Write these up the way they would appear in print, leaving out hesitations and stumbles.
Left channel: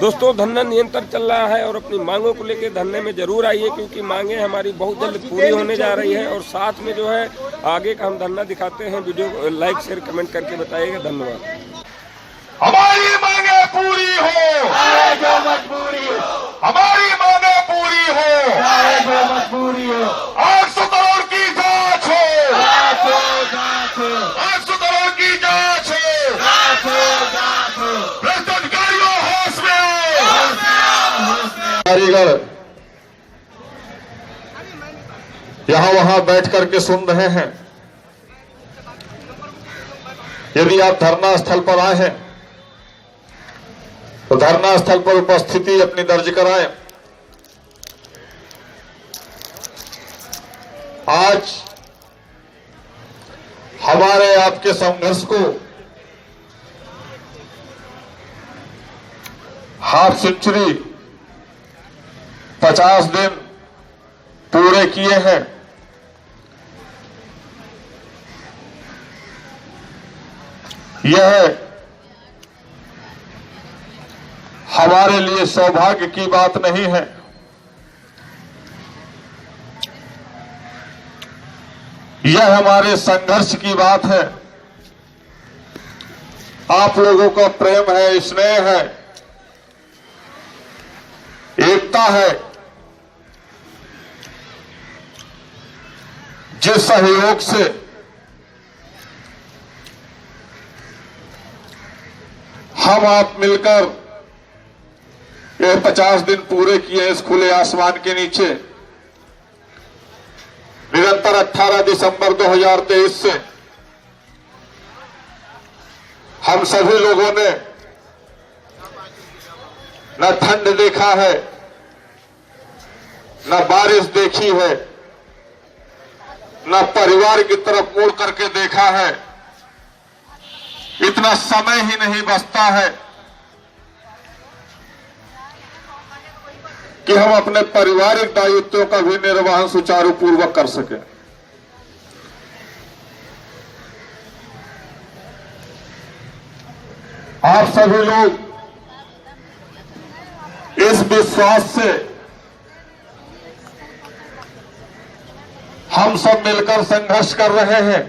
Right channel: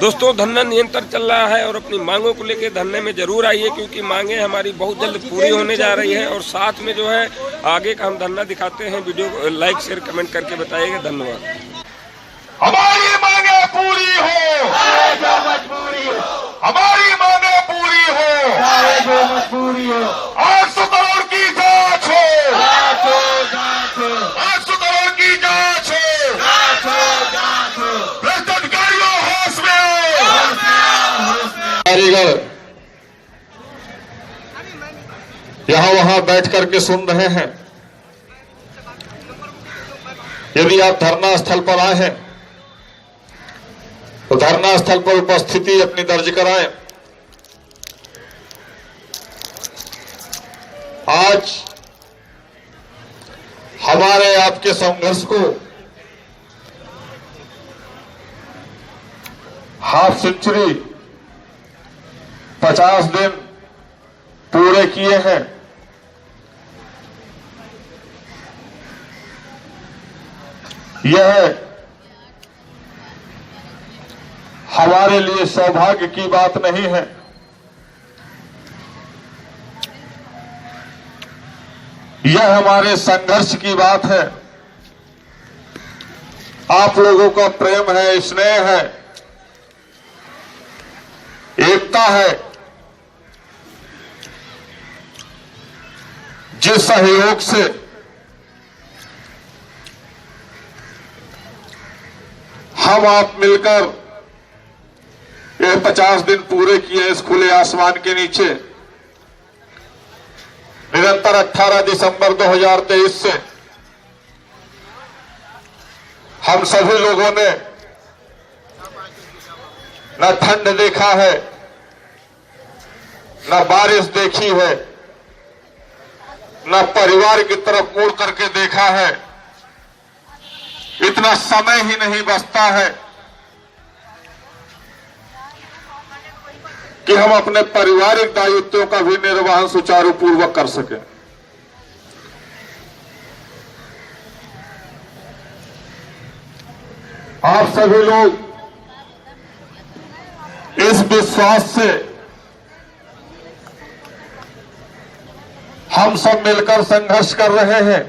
दोस्तों धरना निरंतर चल रहा है और अपनी मांगों को लेकर धरने में जरूर आइए, क्योंकि मांगे हमारी बहुत जल्द पूरी होने जा रही है। और साथ में जो है आगे का हम धरना दिखाते हैं। वीडियो को लाइक शेयर कमेंट करके बताइएगा। धन्यवाद। हमारी मांगे पूरी हो, हमारी मांगे पूरी हो, मजबूरी हो। 800 करोड़ की जांच हो, 800 करोड़ की जांच हो, भ्रष्टाचारियों होश में कारीगर यहां वहां बैठ करके सुन रहे हैं। यदि आप धरना स्थल पर आए हैं तो धरना स्थल पर उपस्थिति अपनी दर्ज कराएं। आज हमारे आपके संघर्ष को हाफ सेंचुरी 50 दिन पूरे किए हैं। यह हमारे लिए सौभाग्य की बात नहीं है, यह हमारे संघर्ष की बात है। आप लोगों का प्रेम है, स्नेह है, एकता है। जिस सहयोग से हम आप मिलकर ये 50 दिन पूरे किए इस खुले आसमान के नीचे, निरंतर 18 दिसंबर 2023 से हम सभी लोगों ने न ठंड देखा है, न बारिश देखी है, न परिवार की तरफ मुड़ करके देखा है। इतना समय ही नहीं बचता है कि हम अपने पारिवारिक दायित्वों का भी निर्वहन सुचारू पूर्वक कर सकें। आप सभी लोग इस विश्वास से हम सब मिलकर संघर्ष कर रहे हैं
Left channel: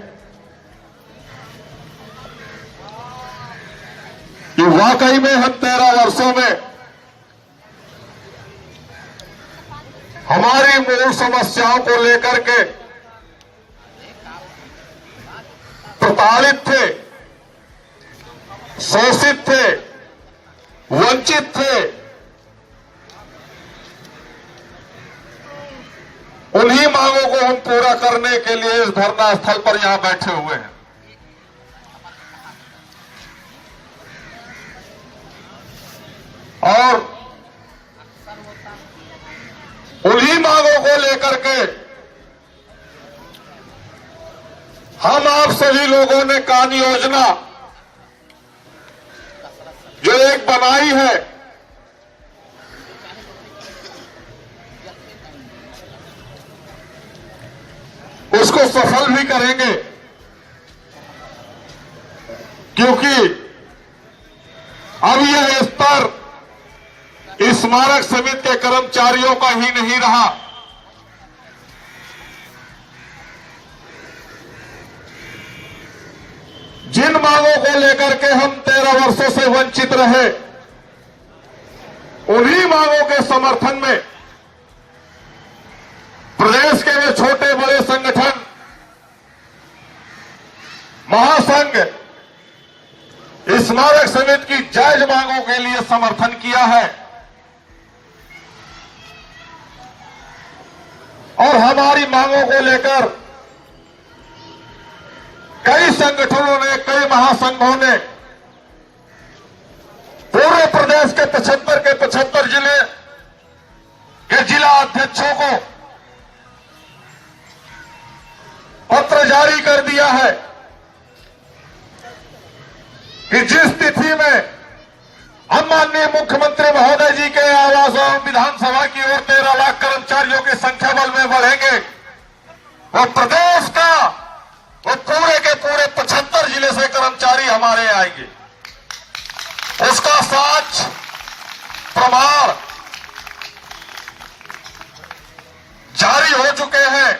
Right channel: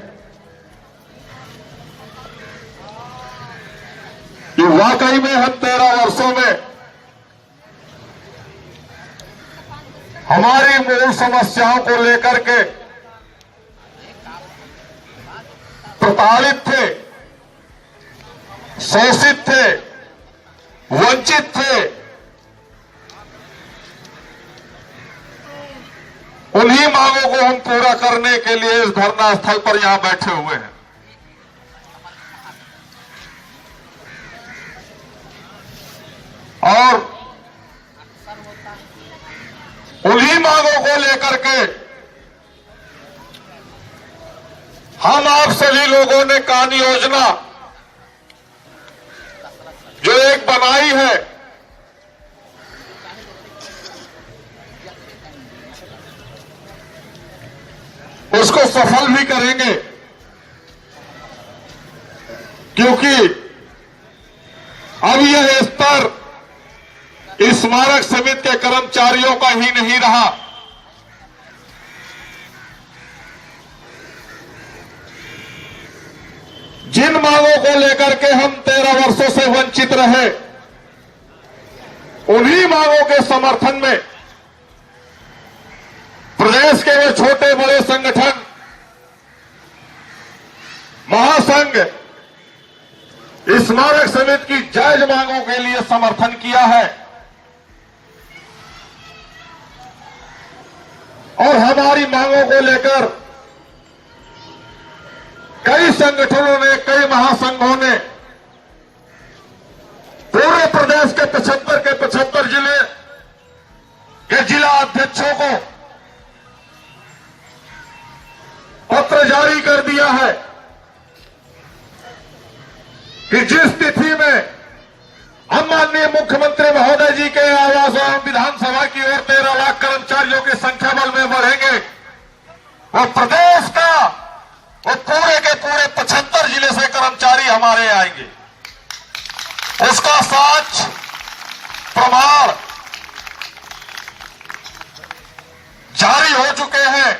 कि वाकई में हम 13 वर्षों में हमारी मूल समस्याओं को लेकर के प्रताड़ित थे, शोषित थे, वंचित थे। उन्हीं मांगों को हम पूरा करने के लिए इस धरना स्थल पर यहां बैठे हुए हैं। और उन्हीं मांगों को लेकर के हम आप सभी लोगों ने कार्य योजना जो एक बनाई है, उसको सफल भी करेंगे, क्योंकि अब यह स्तर स्मारक समिति के कर्मचारियों का ही नहीं रहा। जिन मांगों को लेकर के हम 13 वर्षों से वंचित रहे, उन्हीं मांगों के समर्थन में प्रदेश के ये छोटे बड़े संगठन, महासंघ स्मारक समिति की जायज मांगों के लिए समर्थन किया है। और हमारी मांगों को लेकर कई संगठनों ने, कई महासंघों ने पूरे प्रदेश के 75 जिले के जिला अध्यक्षों को पत्र जारी कर दिया है कि जिस तिथि में हम माननीय मुख्यमंत्री महोदय जी के आवास एवं विधानसभा की ओर 13 लाख कर्मचारियों की संख्या बल में बढ़ेंगे और प्रदेश का और पूरे के पूरे 75 जिले से कर्मचारी हमारे आएंगे। उसका साथ विजयी हो चुके हैं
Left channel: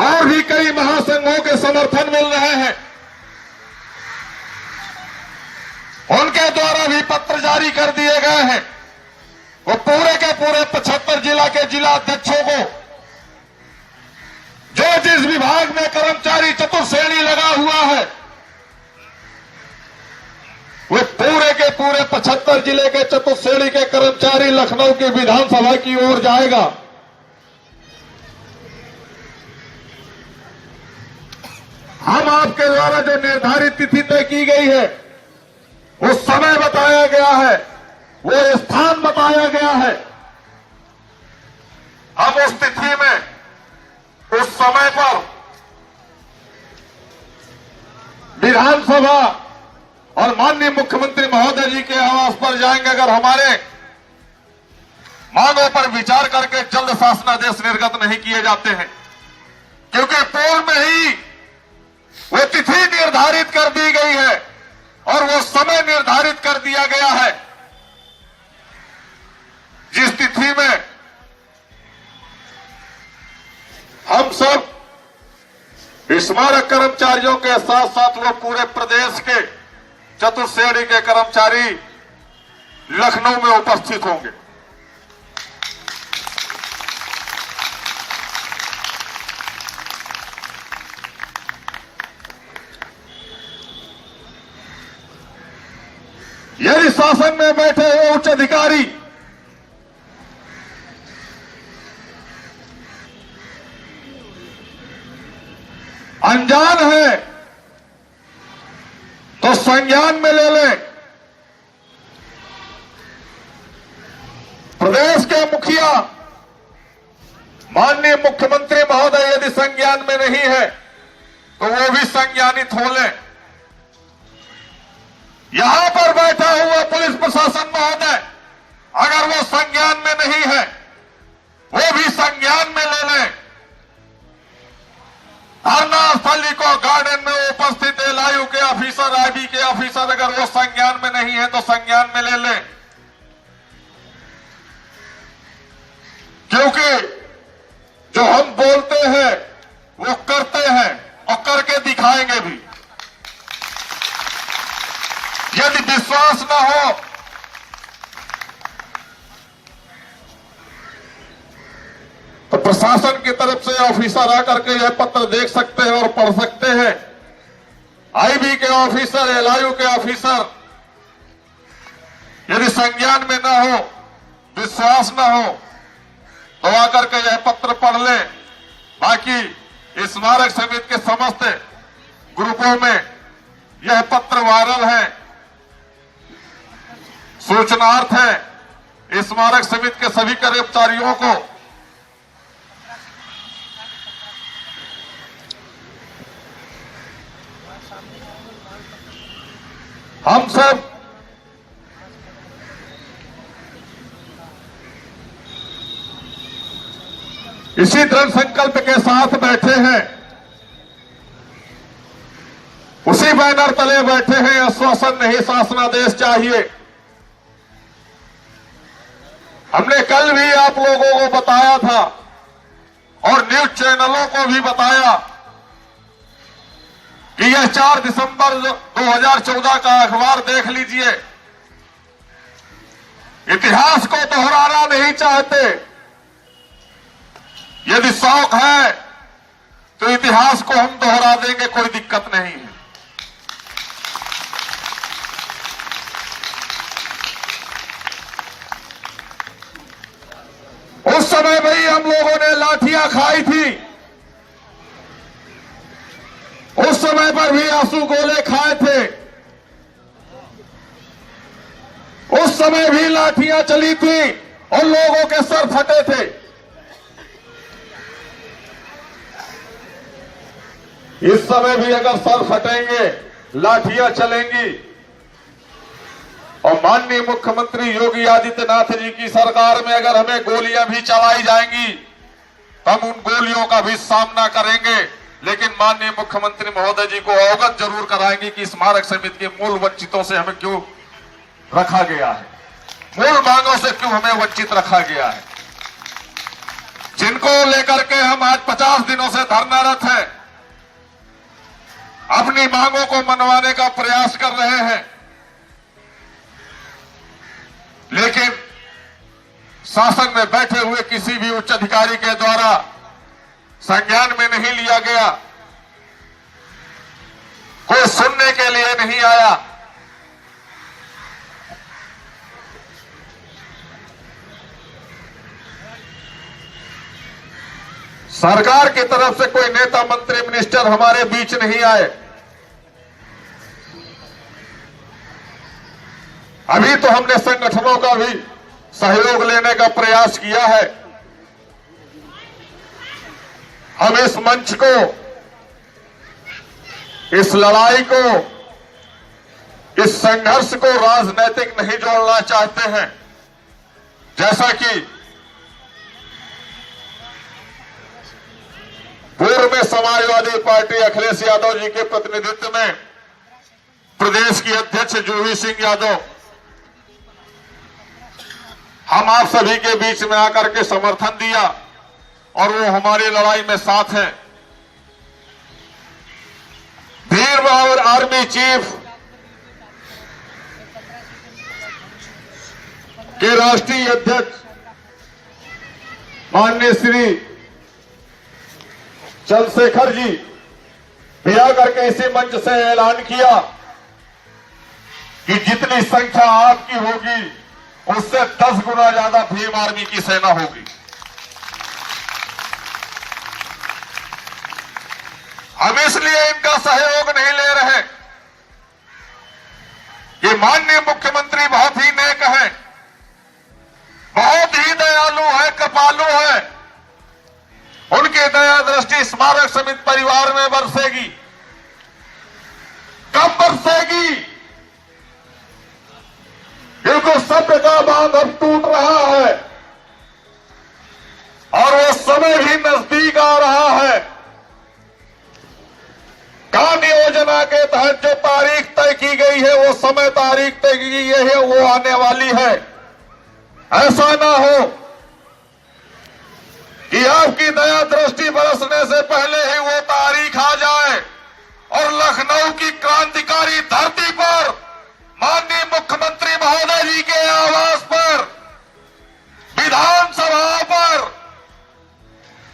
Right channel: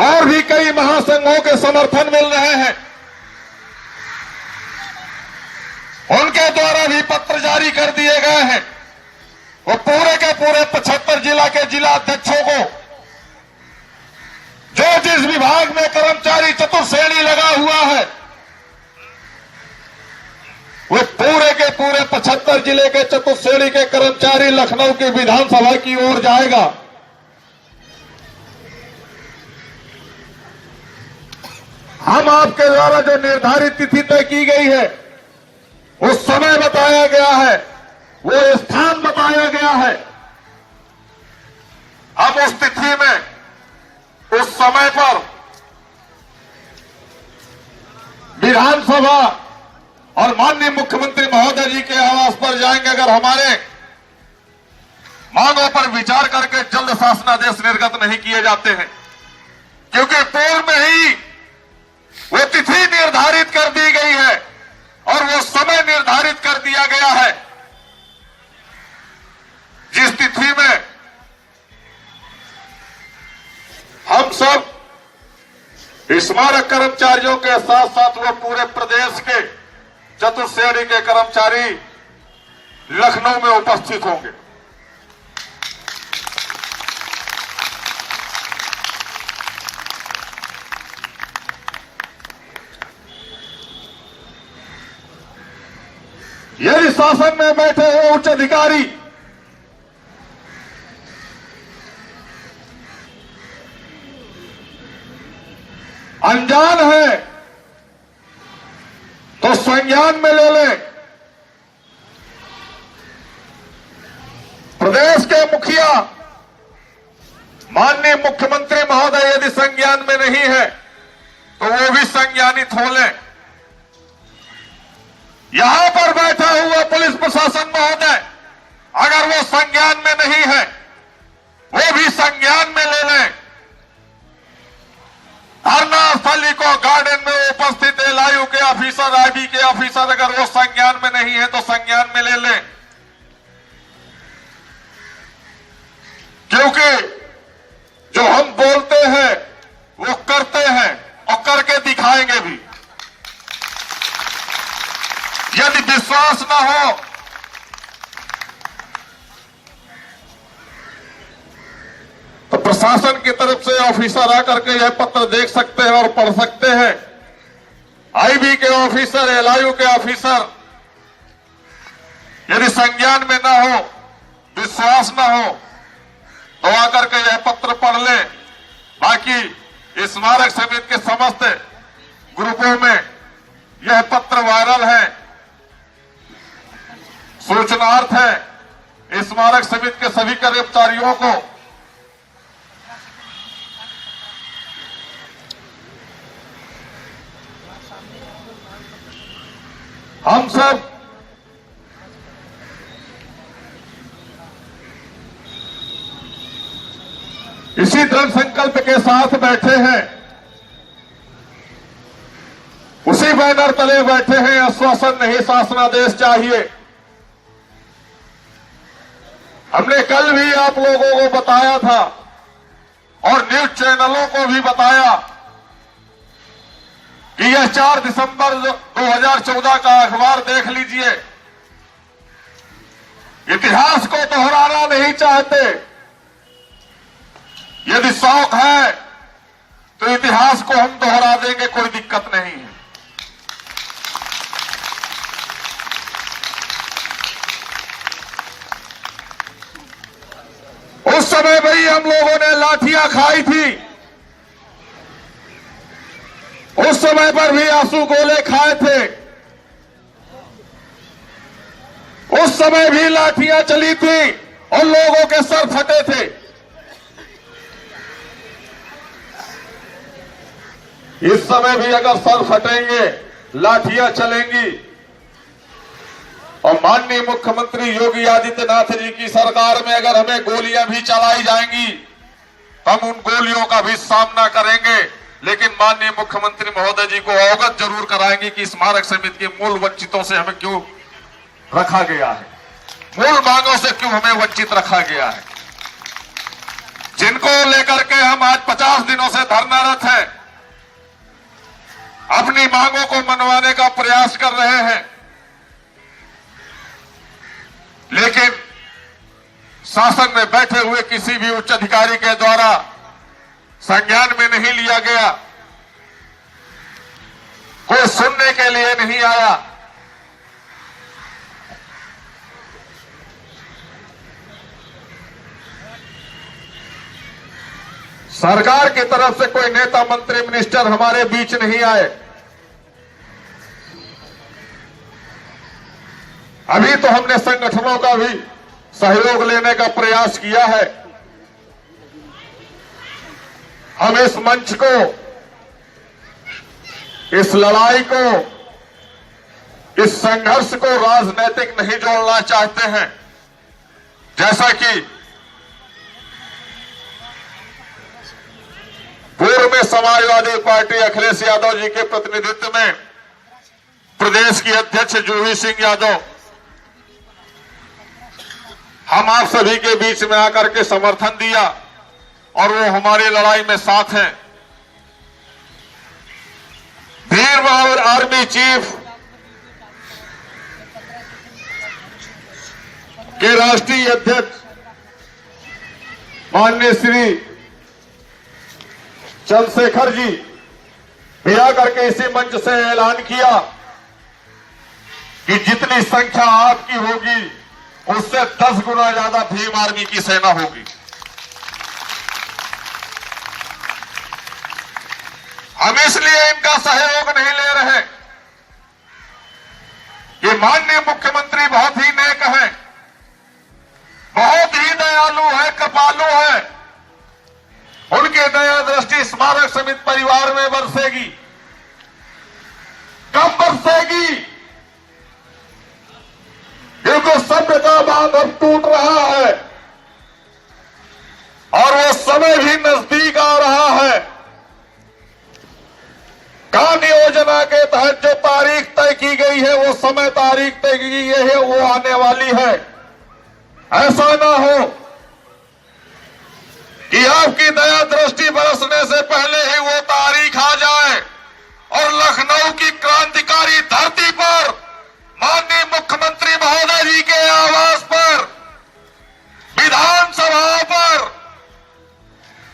और भी कई महासंघों के समर्थन मिल रहे हैं। उनके द्वारा भी पत्र जारी कर दिए गए हैं। वो पूरे के पूरे 75 जिला के जिला अध्यक्षों को जो जिस विभाग में कर्मचारी चतुर्श्रेणी लगा हुआ है वो पूरे के पूरे 75 जिले के चतुर्श्रेणी के कर्मचारी लखनऊ की विधानसभा की ओर जाएगा। हम आपके द्वारा जो निर्धारित तिथि तय की गई है, उस समय बताया गया है, वो स्थान बताया गया है। अब उस तिथि में, उस समय पर विधानसभा और माननीय मुख्यमंत्री महोदय जी के आवास पर जाएंगे। अगर हमारे मांगों पर विचार करके जल्द शासनादेश निर्गत नहीं किए जाते हैं, क्योंकि पूर्व में ही वो तिथि निर्धारित कर दी गई है और वो समय निर्धारित कर दिया गया है, जिस तिथि में हम सब स्मारक कर्मचारियों के साथ साथ वो पूरे प्रदेश के चतुर्श्रेणी के कर्मचारी लखनऊ में उपस्थित होंगे। यदि शासन में बैठे हुए उच्च अधिकारी अनजान है तो संज्ञान में ले लें। प्रदेश के मुखिया माननीय मुख्यमंत्री महोदय यदि संज्ञान में नहीं है तो वो भी संज्ञानित हो लें। यहां पर बैठा हुआ पुलिस प्रशासन महोदय अगर वो संज्ञान में नहीं है, वो भी संज्ञान में ले लें। धरना स्थली को गार्डन में उपस्थित एलआईयू के ऑफिसर, आईबी के ऑफिसर अगर वो संज्ञान में नहीं है तो संज्ञान में ले लें, क्योंकि जो हम बोलते हैं वो करते हैं और करके दिखाएंगे भी। यदि विश्वास न हो तो प्रशासन की तरफ से ऑफिसर आकर के यह पत्र देख सकते हैं और पढ़ सकते हैं। आईबी के ऑफिसर, एलआईयू के ऑफिसर यदि संज्ञान में न हो, विश्वास न हो तो आकर के यह पत्र पढ़ ले। बाकी स्मारक समिति के समस्त ग्रुपों में यह पत्र वायरल है, सूचनार्थ है। स्मारक समिति के सभी कर्मचारियों को हम सब इसी दृढ़ संकल्प के साथ बैठे हैं, उसी बैनर तले बैठे हैं। आश्वासन नहीं, शासनादेश चाहिए। हमने कल भी आप लोगों को बताया था और न्यूज चैनलों को भी बताया कि यह 4 दिसंबर 2014 का अखबार देख लीजिए। इतिहास को दोहराना नहीं चाहते। यदि शौक है तो इतिहास को हम दोहरा देंगे, कोई दिक्कत नहीं है। उस समय भी हम लोगों ने लाठियां खाई थी, उस समय पर भी आंसू गोले खाए थे, उस समय भी लाठियां चली थी और लोगों के सर फटे थे। इस समय भी अगर सर फटेंगे, लाठियां चलेंगी और माननीय मुख्यमंत्री योगी आदित्यनाथ जी की सरकार में अगर हमें गोलियां भी चलाई जाएंगी तो हम उन गोलियों का भी सामना करेंगे। लेकिन माननीय मुख्यमंत्री महोदय जी को अवगत जरूर कराएंगे कि स्मारक समिति के मूल वंचितों से हमें क्यों रखा गया है, मूल मांगों से क्यों हमें वंचित रखा गया है। जिनको लेकर के हम आज 50 दिनों से धरनारत हैं, अपनी मांगों को मनवाने का प्रयास कर रहे हैं, लेकिन शासन में बैठे हुए किसी भी उच्च अधिकारी के द्वारा संज्ञान में नहीं लिया गया, कोई सुनने के लिए नहीं आया। सरकार की तरफ से कोई नेता, मंत्री, मिनिस्टर हमारे बीच नहीं आए। अभी तो हमने संगठनों का भी सहयोग लेने का प्रयास किया है। हम इस मंच को, इस लड़ाई को, इस संघर्ष को राजनीतिक नहीं जोड़ना चाहते हैं। जैसा कि पूर्व में समाजवादी पार्टी अखिलेश यादव जी के प्रतिनिधित्व में प्रदेश की अध्यक्ष जूही सिंह यादव हम आप सभी के बीच में आकर के समर्थन दिया और वो हमारी लड़ाई में साथ हैं। वीर बहादुर आर्मी चीफ के राष्ट्रीय अध्यक्ष माननीय श्री चंद्रशेखर जी भी आकर के इसी मंच से ऐलान किया कि जितनी संख्या आपकी होगी उससे 10 गुना ज्यादा भीम आर्मी की सेना होगी। हम इसलिए इनका सहयोग नहीं ले रहे कि माननीय मुख्यमंत्री बहुत ही नेक है, बहुत ही दयालु है, कृपालु है। उनकी दया दृष्टि स्मारक समिति परिवार में बरसेगी। कब बरसेगी? क्योंकि सभ्य का बांध अब टूट रहा है और वो समय भी नजदीक आ रहा है। काम योजना के तहत जो तारीख तय की गई है, वो समय तारीख तय की गई है, वो आने वाली है। ऐसा ना हो कि आपकी दया दृष्टि बरसने से पहले ही वो तारीख आ जाए और लखनऊ की क्रांतिकारी धरती पर माननीय मुख्यमंत्री महोदय जी के आवास पर, विधानसभा पर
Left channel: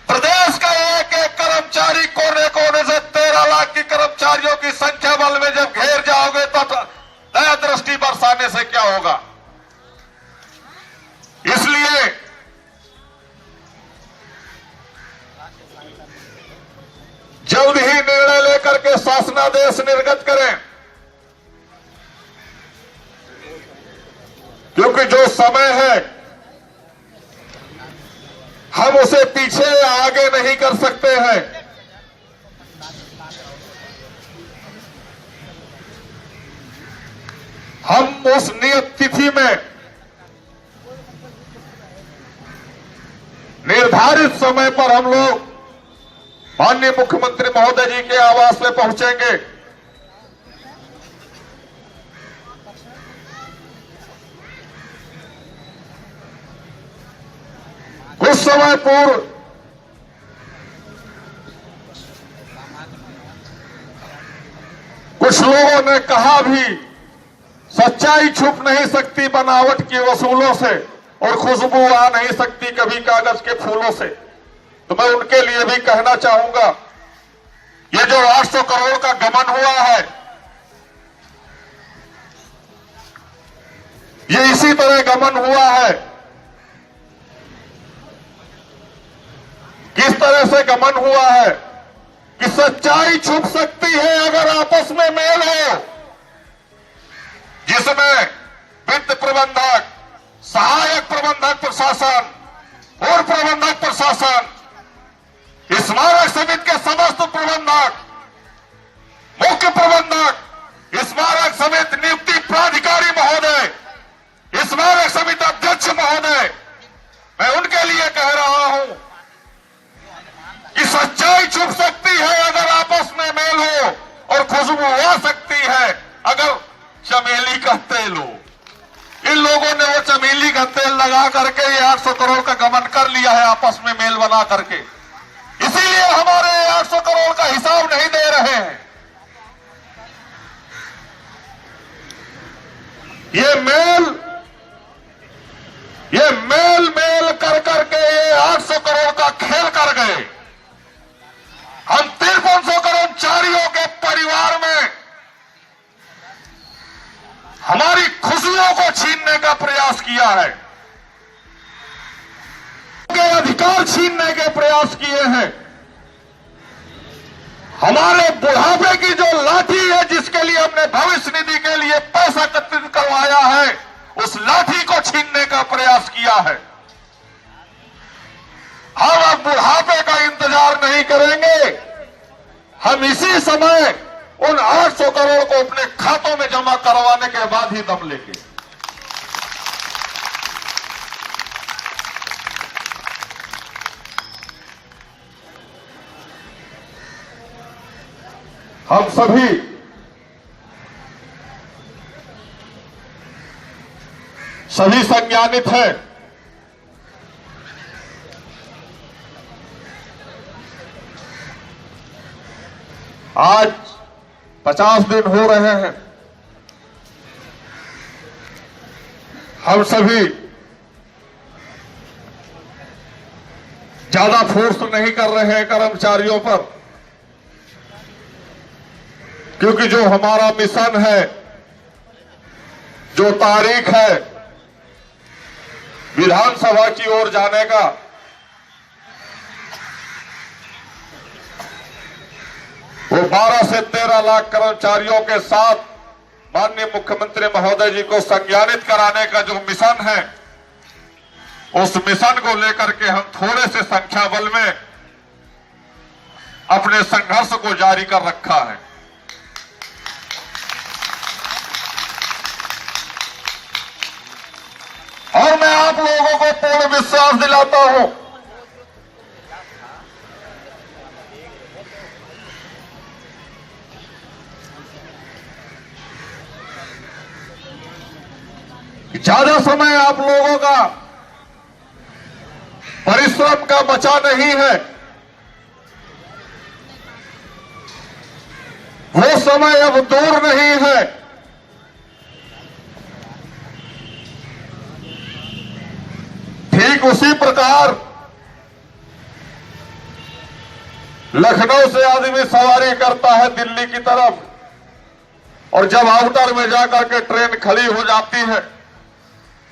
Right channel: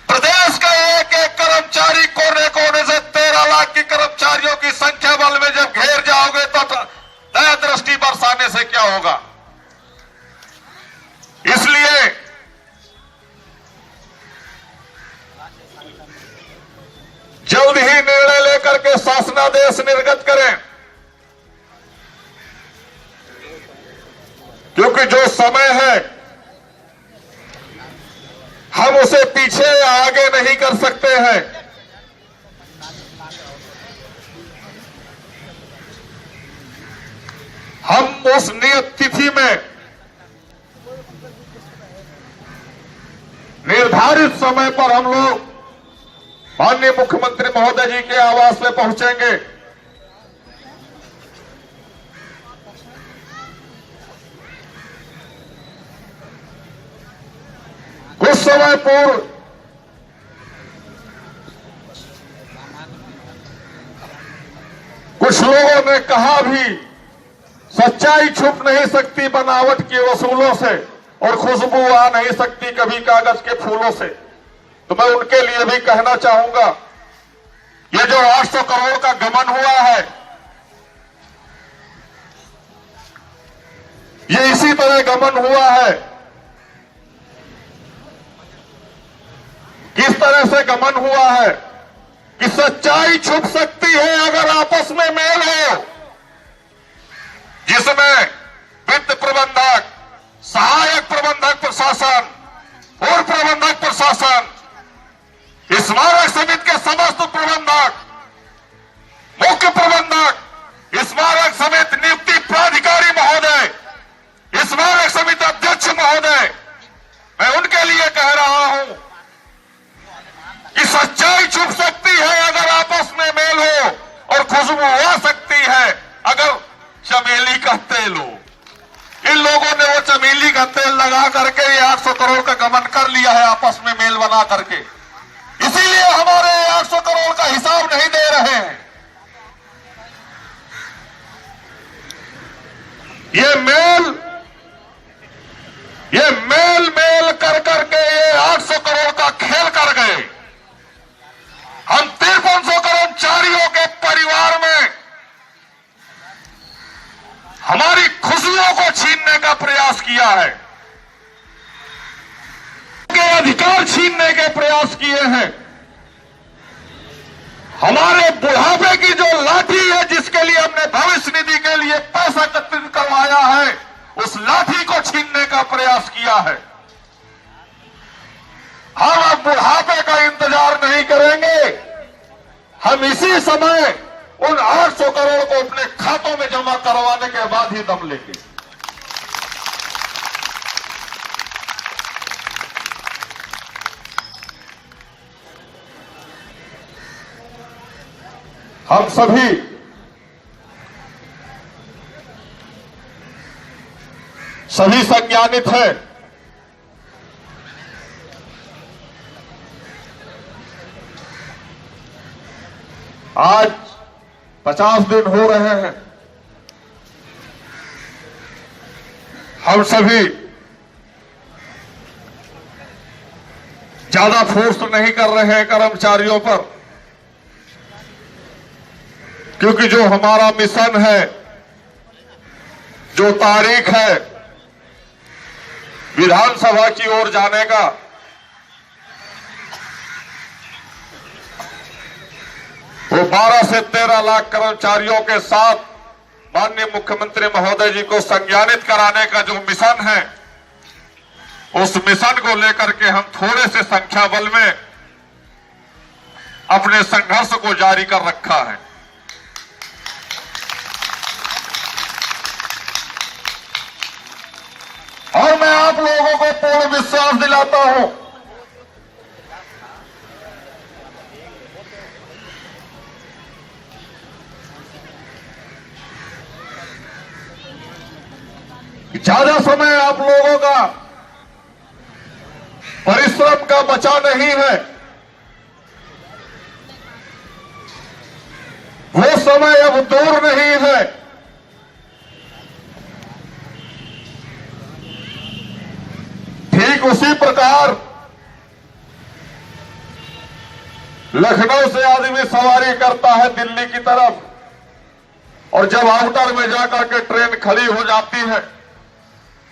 प्रदेश का एक एक कर्मचारी कोने कोने से 13 लाख की कर्मचारियों की संख्या बल में जब घेर जाओगे तो दया दृष्टि बरसाने से क्या होगा? इसलिए जल्द ही निर्णय लेकर के शासनादेश निर्गत करें, क्योंकि जो समय है हम उसे पीछे या आगे नहीं कर सकते हैं। हम उस नियत तिथि में, निर्धारित समय पर हम लोग माननीय मुख्यमंत्री महोदय जी के आवास में पहुंचेंगे। कुछ समय पूर्व कुछ लोगों ने कहा भी, सच्चाई छुप नहीं सकती बनावट के वसूलों से और खुशबू आ नहीं सकती कभी कागज के फूलों से। तो मैं उनके लिए भी कहना चाहूंगा, ये जो 800 करोड़ का गबन हुआ है, ये इसी तरह गबन हुआ है। किस तरह से गबन हुआ है कि सच्चाई छुप सकती है अगर आपस में मेल हो, जिसमें वित्त प्रबंधक, सहायक प्रबंधक प्रशासन और प्रबंधक प्रशासन, स्मारक समिति के समस्त प्रबंधक, मुख्य प्रबंधक, स्मारक समिति नियुक्ति प्राधिकारी महोदय, स्मारक समिति अध्यक्ष महोदय, मैं उनके लिए कह रहा हूं कि सच्चाई छुप सकती है अगर आपस में मेल हो और खुशबू आ सकती है अगर चमेली का तेल हो। इन लोगों ने वो चमेली का तेल लगा करके 800 करोड़ का गबन कर लिया है आपस में मेल बना करके, इसीलिए हमारे 800 करोड़ का हिसाब नहीं दे रहे हैं। ये मेल कर करके ये 800 करोड़ का खेल कर गए। हम 5300 कर्मचारियों के परिवार में हमारी खुशियों को छीनने का प्रयास किया है, के अधिकार छीनने के प्रयास किए हैं। हमारे बुढ़ापे की जो लाठी है, जिसके लिए हमने भविष्य निधि के लिए पैसा एकत्रित करवाया है, उस लाठी को छीनने का प्रयास किया है। हम अब बुढ़ापे का इंतजार नहीं करेंगे। हम इसी समय उन 800 करोड़ को अपने खातों में जमा करवाने के बाद ही दम लेंगे। हम सभी संज्ञानित है। आज 50 दिन हो रहे हैं। हम सभी ज्यादा फोर्स नहीं कर रहे हैं कर्मचारियों पर, क्योंकि जो हमारा मिशन है, जो तारीख है विधानसभा की ओर जाने का, वो 12 से 13 लाख कर्मचारियों के साथ माननीय मुख्यमंत्री महोदय जी को संज्ञानित कराने का जो मिशन है, उस मिशन को लेकर के हम थोड़े से संख्या बल में अपने संघर्ष को जारी कर रखा है। और मैं आप लोगों को पूर्ण विश्वास दिलाता हूं कि ज्यादा समय आप लोगों का परिश्रम का बचा नहीं है। वो समय अब दूर नहीं है। ठीक उसी प्रकार लखनऊ से आदमी सवारी करता है दिल्ली की तरफ, और जब आउटर में जाकर के ट्रेन खड़ी हो जाती है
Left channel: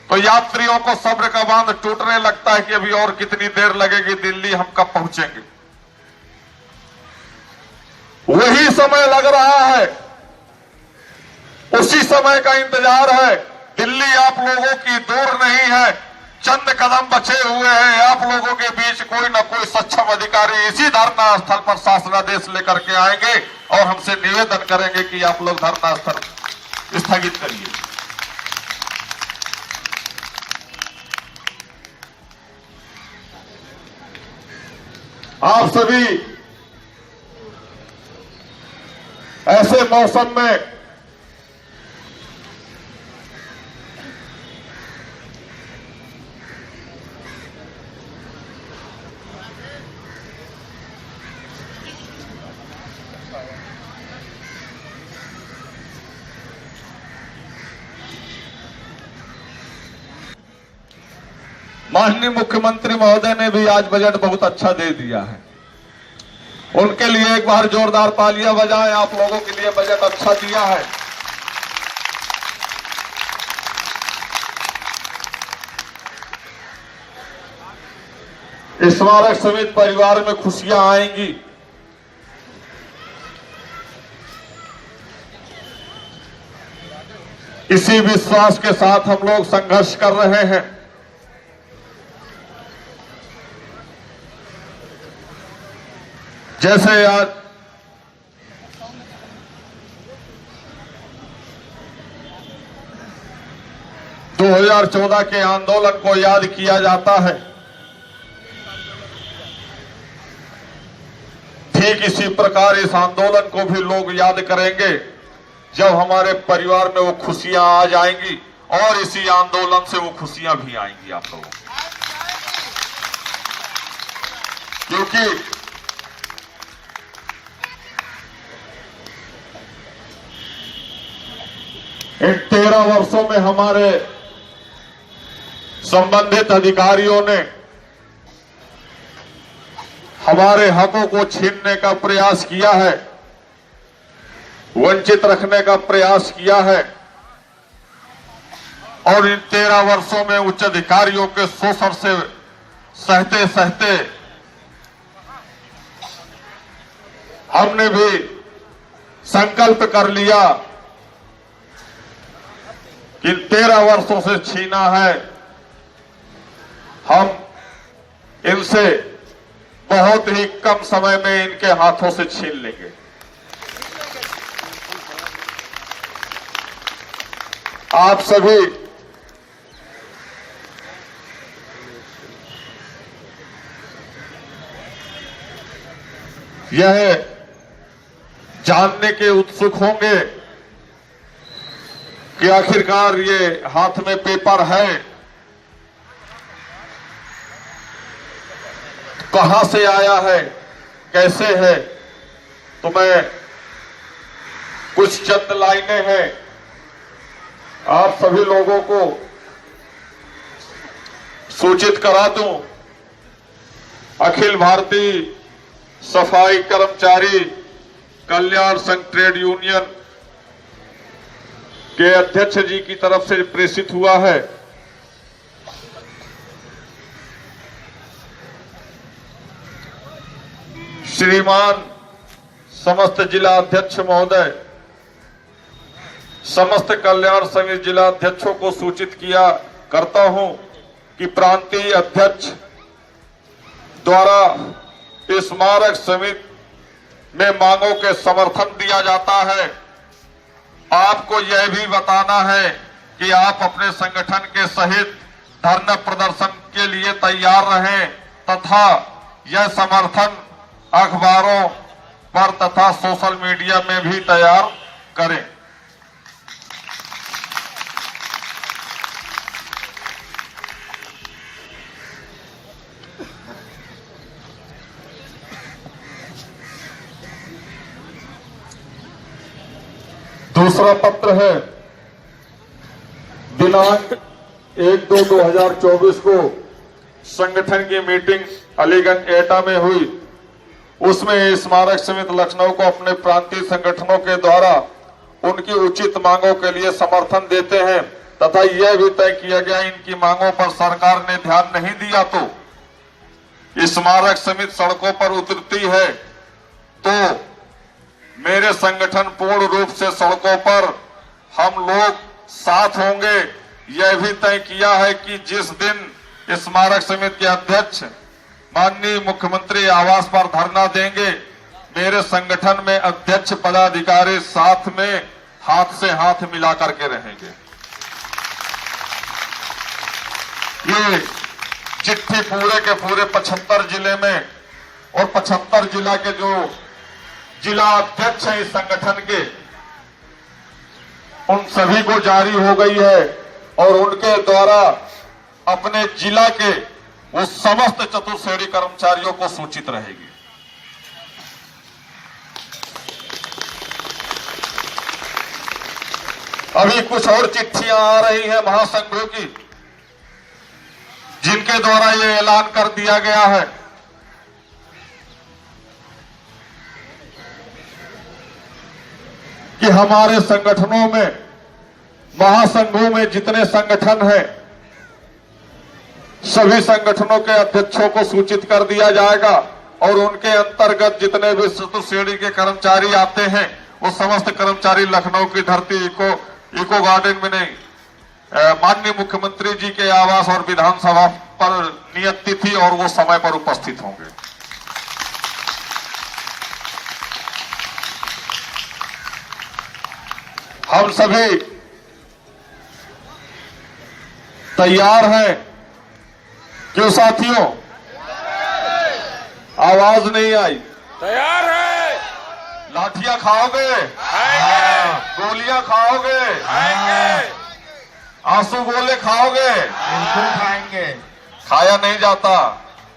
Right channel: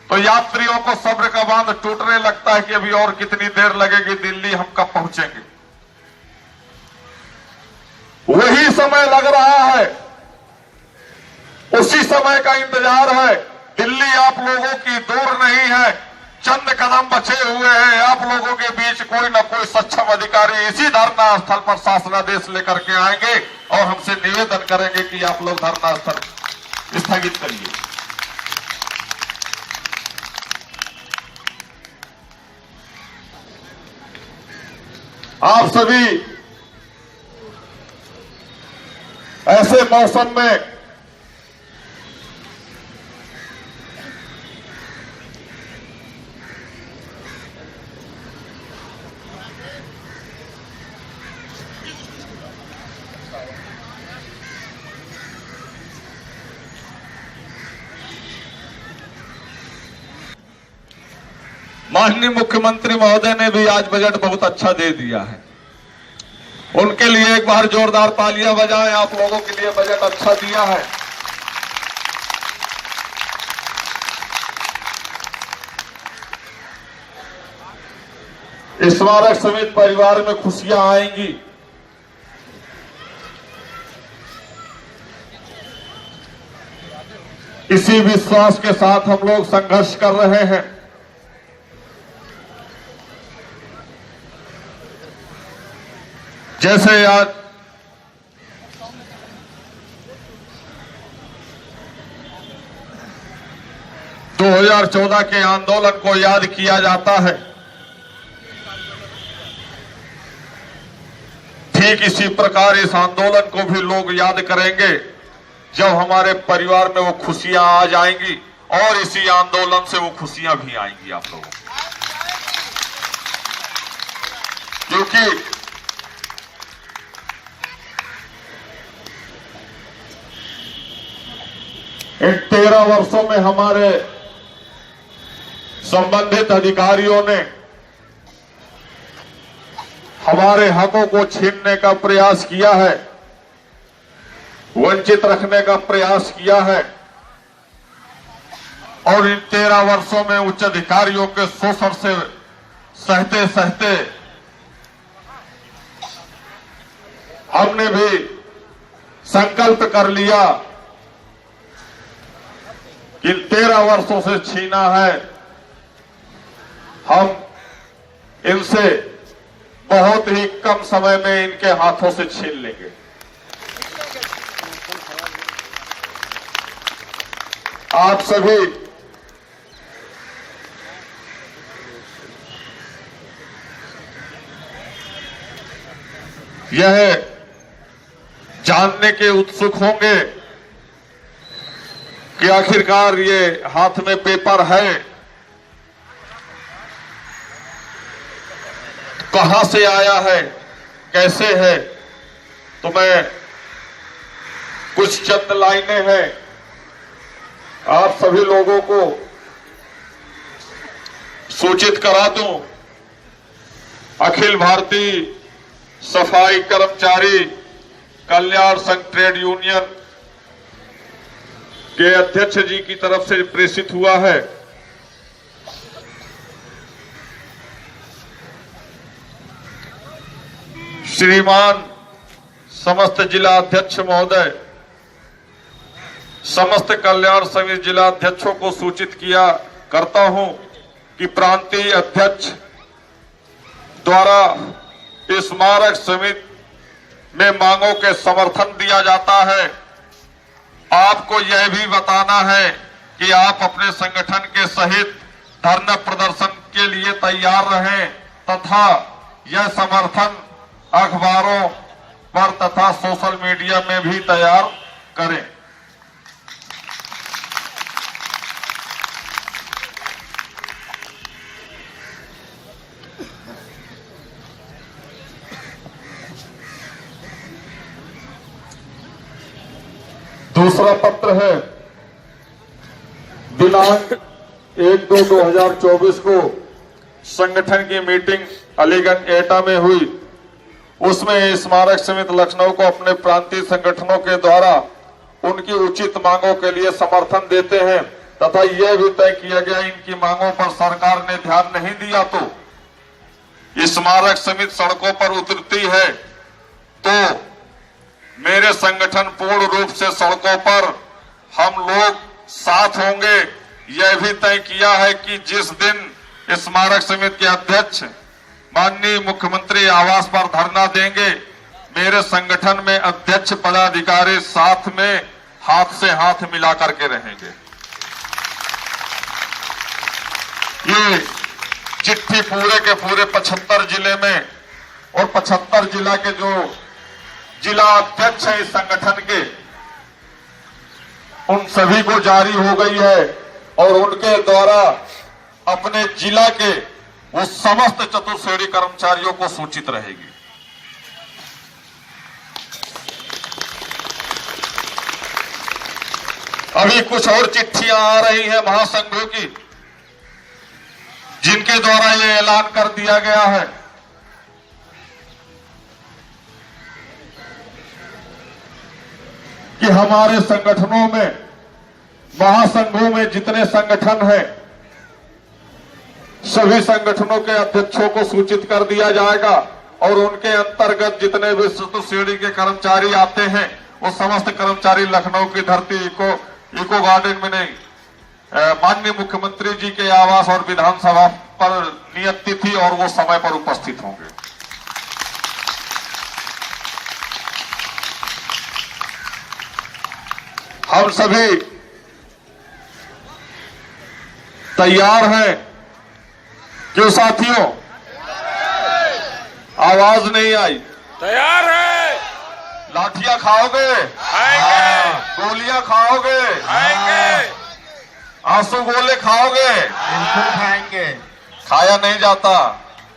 तो यात्रियों को सब्र का बांध टूटने लगता है कि अभी और कितनी देर लगेगी, दिल्ली हम कब पहुंचेंगे। वही समय लग रहा है, उसी समय का इंतजार है। दिल्ली आप लोगों की दूर नहीं है, चंद कदम बचे हुए हैं। आप लोगों के बीच कोई न कोई सक्षम अधिकारी इसी धरना स्थल पर शासनादेश लेकर के आएंगे और हमसे निवेदन करेंगे कि आप लोग धरना स्थल स्थगित करिए। आप सभी ऐसे मौसम में माननीय मुख्यमंत्री महोदय ने भी आज बजट बहुत अच्छा दे दिया है। उनके लिए एक बार जोरदार तालियां बजाएं। आप लोगों के लिए बजट अच्छा दिया है। स्मारक समेत परिवार में खुशियां आएंगी। इसी विश्वास के साथ हम लोग संघर्ष कर रहे हैं। जैसे आज 2014 के आंदोलन को याद किया जाता है, ठीक इसी प्रकार इस आंदोलन को भी लोग याद करेंगे जब हमारे परिवार में वो खुशियां आ जाएंगी, और इसी आंदोलन से वो खुशियां भी आएंगी आप लोगों को। क्योंकि इन 13 वर्षों में हमारे संबंधित अधिकारियों ने हमारे हकों को छीनने का प्रयास किया है, वंचित रखने का प्रयास किया है और इन 13 वर्षों में उच्च अधिकारियों के शोषण से सहते सहते हमने भी संकल्प कर लिया कि 13 वर्षों से छीना है, हम इनसे बहुत ही कम समय में इनके हाथों से छीन लेंगे। आप सभी यह जानने के उत्सुक होंगे कि आखिरकार ये हाथ में पेपर है, कहां से आया है, कैसे है। तो मैं कुछ चंद लाइनें हैं आप सभी लोगों को सूचित करा दूं। अखिल भारतीय सफाई कर्मचारी कल्याण संघ ट्रेड यूनियन के अध्यक्ष जी की तरफ से प्रेषित हुआ है। श्रीमान समस्त जिला अध्यक्ष महोदय, समस्त कल्याण समिति जिला अध्यक्षों को सूचित किया करता हूं कि प्रांतीय अध्यक्ष द्वारा स्मारक समिति में मांगों के समर्थन दिया जाता है। आपको यह भी बताना है कि आप अपने संगठन के सहित धरना प्रदर्शन के लिए तैयार रहें तथा यह समर्थन अखबारों पर तथा सोशल मीडिया में भी तैयार करें। दूसरा पत्र है, दिनांक 1/2/2024 को संगठन की मीटिंग अलीगंज एटा में हुई। उसमें स्मारक समिति लखनऊ को अपने प्रांतीय संगठनों के द्वारा उनकी उचित मांगों के लिए समर्थन देते हैं तथा यह भी तय किया गया इनकी मांगों पर सरकार ने ध्यान नहीं दिया तो स्मारक समिति सड़कों पर उतरती है तो मेरे संगठन पूर्ण रूप से सड़कों पर हम लोग साथ होंगे। यह भी तय किया है कि जिस दिन स्मारक समिति के अध्यक्ष माननीय मुख्यमंत्री आवास पर धरना देंगे, मेरे संगठन में अध्यक्ष पदाधिकारी साथ में हाथ से हाथ मिला करके रहेंगे। ये चिट्ठी पूरे के पूरे 75 जिले में और 75 जिला के जो जिला अध्यक्ष है इस संगठन के, उन सभी को जारी हो गई है और उनके द्वारा अपने जिला के वो समस्त चतुर्श्रेणी कर्मचारियों को सूचित रहेगी। अभी कुछ और चिट्ठियां आ रही हैं महासंघों की, जिनके द्वारा ये ऐलान कर दिया गया है कि हमारे संगठनों में, महासंघों में जितने संगठन हैं, सभी संगठनों के अध्यक्षों को सूचित कर दिया जाएगा और उनके अंतर्गत जितने भी श्रेणी के कर्मचारी आते हैं वो समस्त कर्मचारी लखनऊ की धरती इको गार्डन में नहीं, माननीय मुख्यमंत्री जी के आवास और विधानसभा पर नियत तिथि और वो समय पर उपस्थित होंगे। हम सभी तैयार हैं। क्यों साथियों, आवाज नहीं आई? तैयार है। लाठियां खाओगे? खाएंगे। गोलियां खाओगे? खाएंगे। आंसू गोले खाओगे? बिल्कुल खाएंगे। खाया नहीं जाता।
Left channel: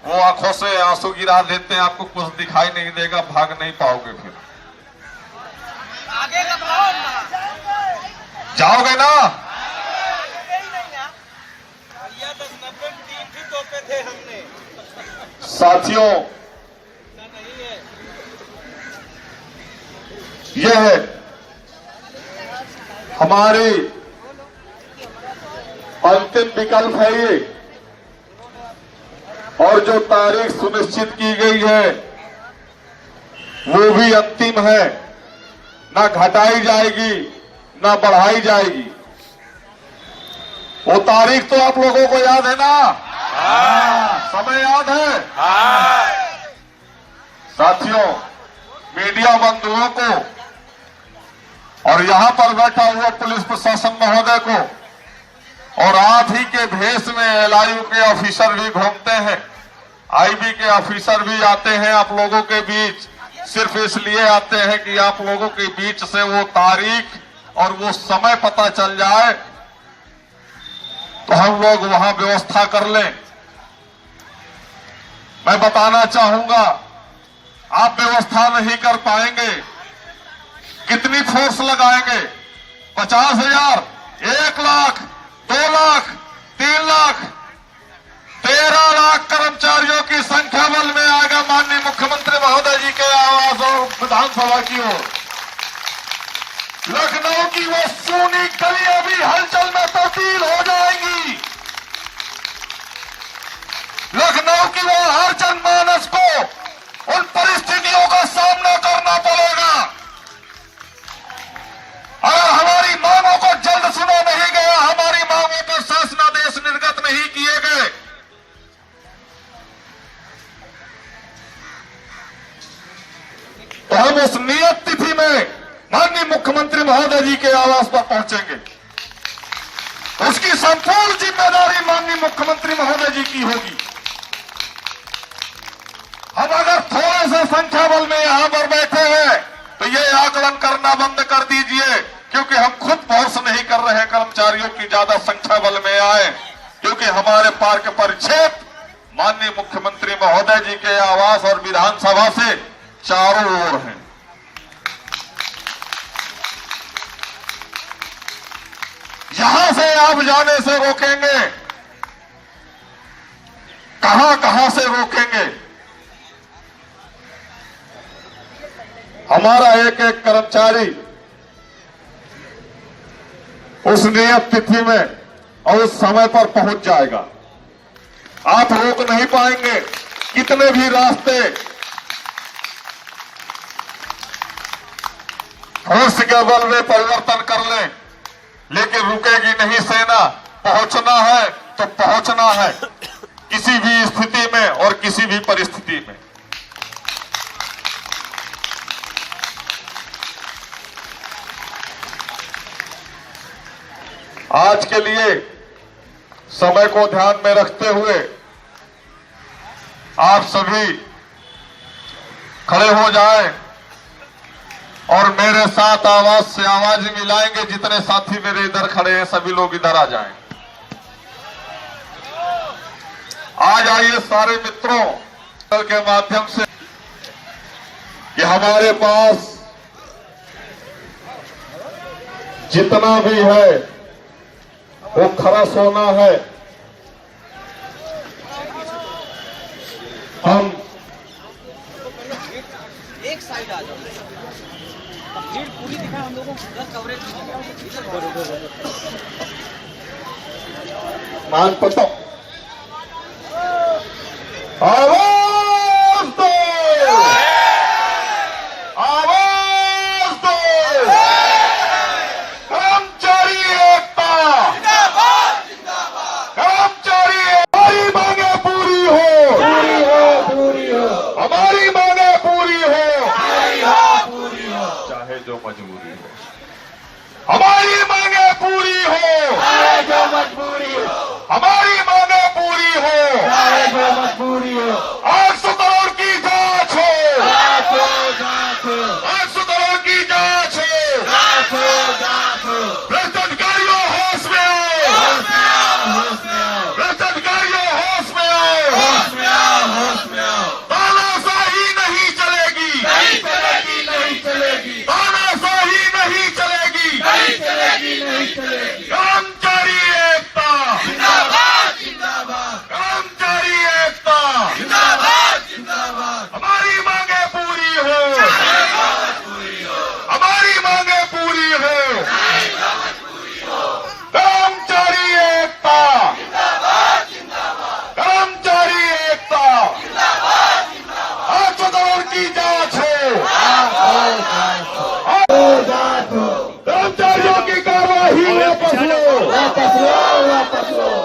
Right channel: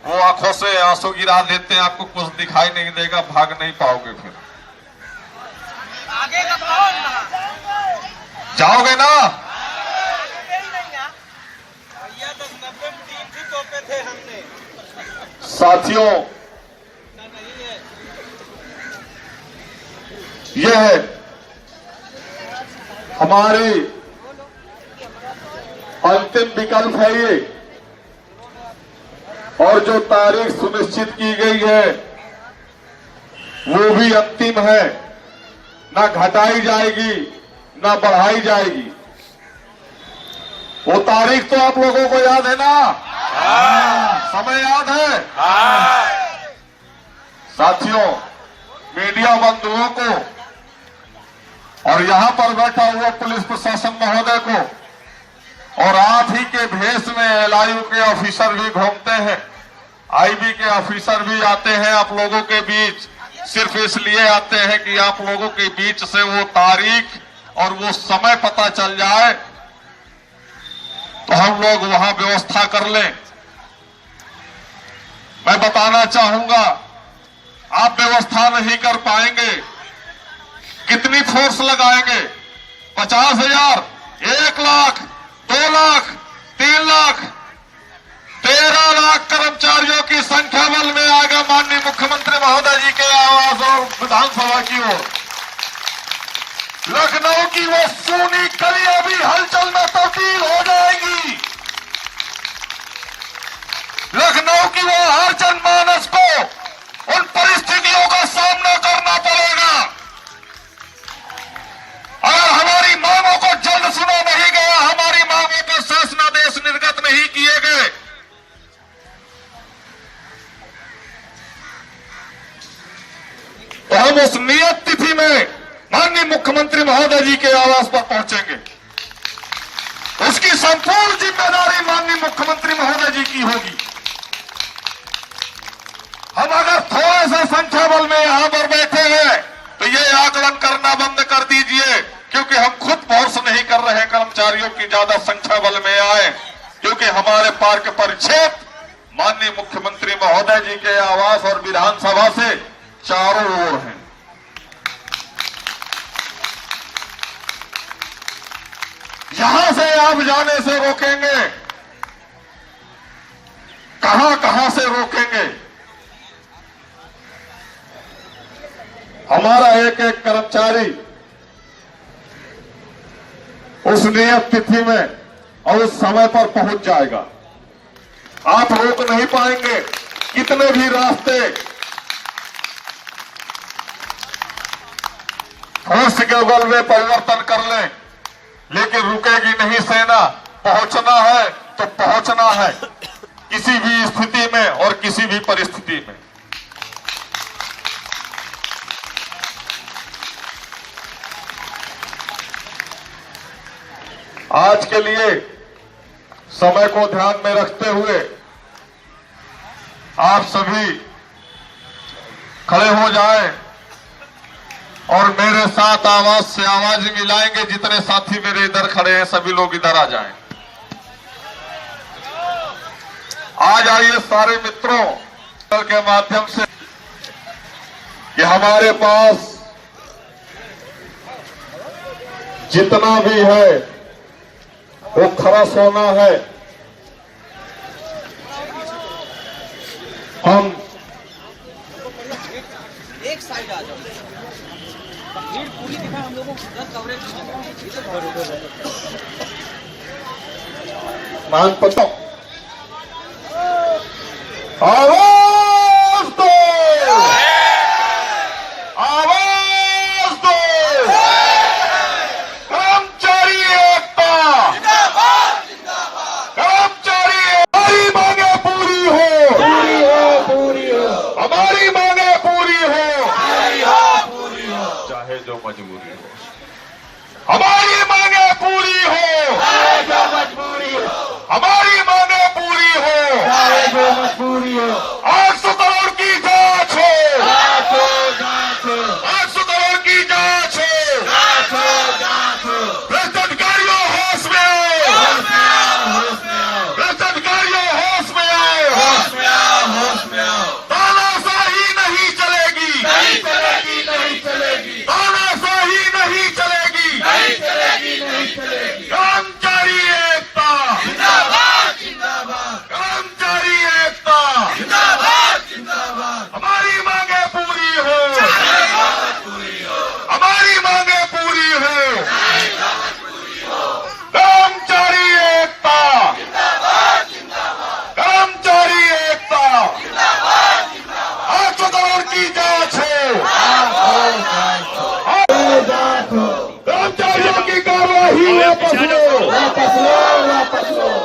वो आंखों से आंसू गिरा देते हैं, आपको कुछ दिखाई नहीं देगा, भाग नहीं पाओगे। फिर जाओगे ना? साथियों, यह है हमारी अंतिम विकल्प है ये, और जो तारीख सुनिश्चित की गई है वो भी अंतिम है, ना घटाई जाएगी ना बढ़ाई जाएगी। वो तारीख तो आप लोगों को याद है ना? समय याद है? साथियों, मीडिया बंधुओं को और यहां पर बैठा हुआ पुलिस प्रशासन महोदय को, और आप ही के भेष में एलआईयू के ऑफिसर भी घूमते हैं, आईबी के ऑफिसर भी आते हैं आप लोगों के बीच, सिर्फ इसलिए आते हैं कि आप लोगों के बीच से वो तारीख और वो समय पता चल जाए तो हम लोग वहां व्यवस्था कर लें। मैं बताना चाहूंगा, आप व्यवस्था नहीं कर पाएंगे। कितनी फोर्स लगाएंगे? 50,000, 1 लाख, 2 लाख, 3 लाख, 13 लाख कर्मचारियों की संख्या बल में आएगा माननीय मुख्यमंत्री महोदय जी के आवास और विधानसभा की ओर। लखनऊ की वो सूनी गलियां भी हलचल में तब्दील हो जाएंगी। लखनऊ की वो हर जनमानस को उन परिस्थितियों का सामना करना पड़ेगा। अगर हमारी मांगों को जल्द सुना नहीं गया, हमारी मांगों पर शासनादेश निर्गत नहीं किए गए, तो हम उस नियत तिथि में माननीय मुख्यमंत्री महोदय जी के आवास पर पहुंचेंगे। उसकी संपूर्ण जिम्मेदारी माननीय मुख्यमंत्री महोदय जी की होगी। हम अगर थोड़े से संख्या बल में यहां पर बैठे हैं तो ये आकलन करना बंद कर दीजिए, क्योंकि हम खुद फोर्स नहीं कर रहे कर्मचारियों की ज्यादा संख्या बल में आए, क्योंकि हमारे पार्क परिक्षेत्र माननीय मुख्यमंत्री महोदय जी के आवास और विधानसभा से चारों ओर हैं। यहां से आप जाने से रोकेंगे, कहां से रोकेंगे? हमारा एक एक कर्मचारी उस नियत तिथि में और उस समय पर पहुंच जाएगा। आप रोक नहीं पाएंगे, कितने भी रास्ते फोर्स के बल में परिवर्तन कर लें, लेकिन रुकेगी नहीं सेना। पहुंचना है तो पहुंचना है, किसी भी स्थिति में और किसी भी परिस्थिति में। आज के लिए समय को ध्यान में रखते हुए आप सभी खड़े हो जाएं और मेरे साथ आवाज से आवाज मिलाएंगे। जितने साथी मेरे इधर खड़े हैं सभी लोग इधर आ जाएं। आ जाइए सारे मित्रों के माध्यम से कि हमारे पास जितना भी है वो खरा सोना है। हम एक साइड आ जाओ, भीड़ पूरी दिखा हम लोगों को कवरेज मान पता आवाज दो, आवाज दो, कर्मचारी एकता, कर्मचारी हमारी मांगे पूरी हो, हमारी मांगे पूरी हो, चाहे जो मजबूरी हो। हमारी मांगे पूरी हो, चाहे जो मजबूरी हो, हमारी मांगे पूरी हो, चाहे जो मजबूरी हो। वापस लो, वापस लो, वापस लो।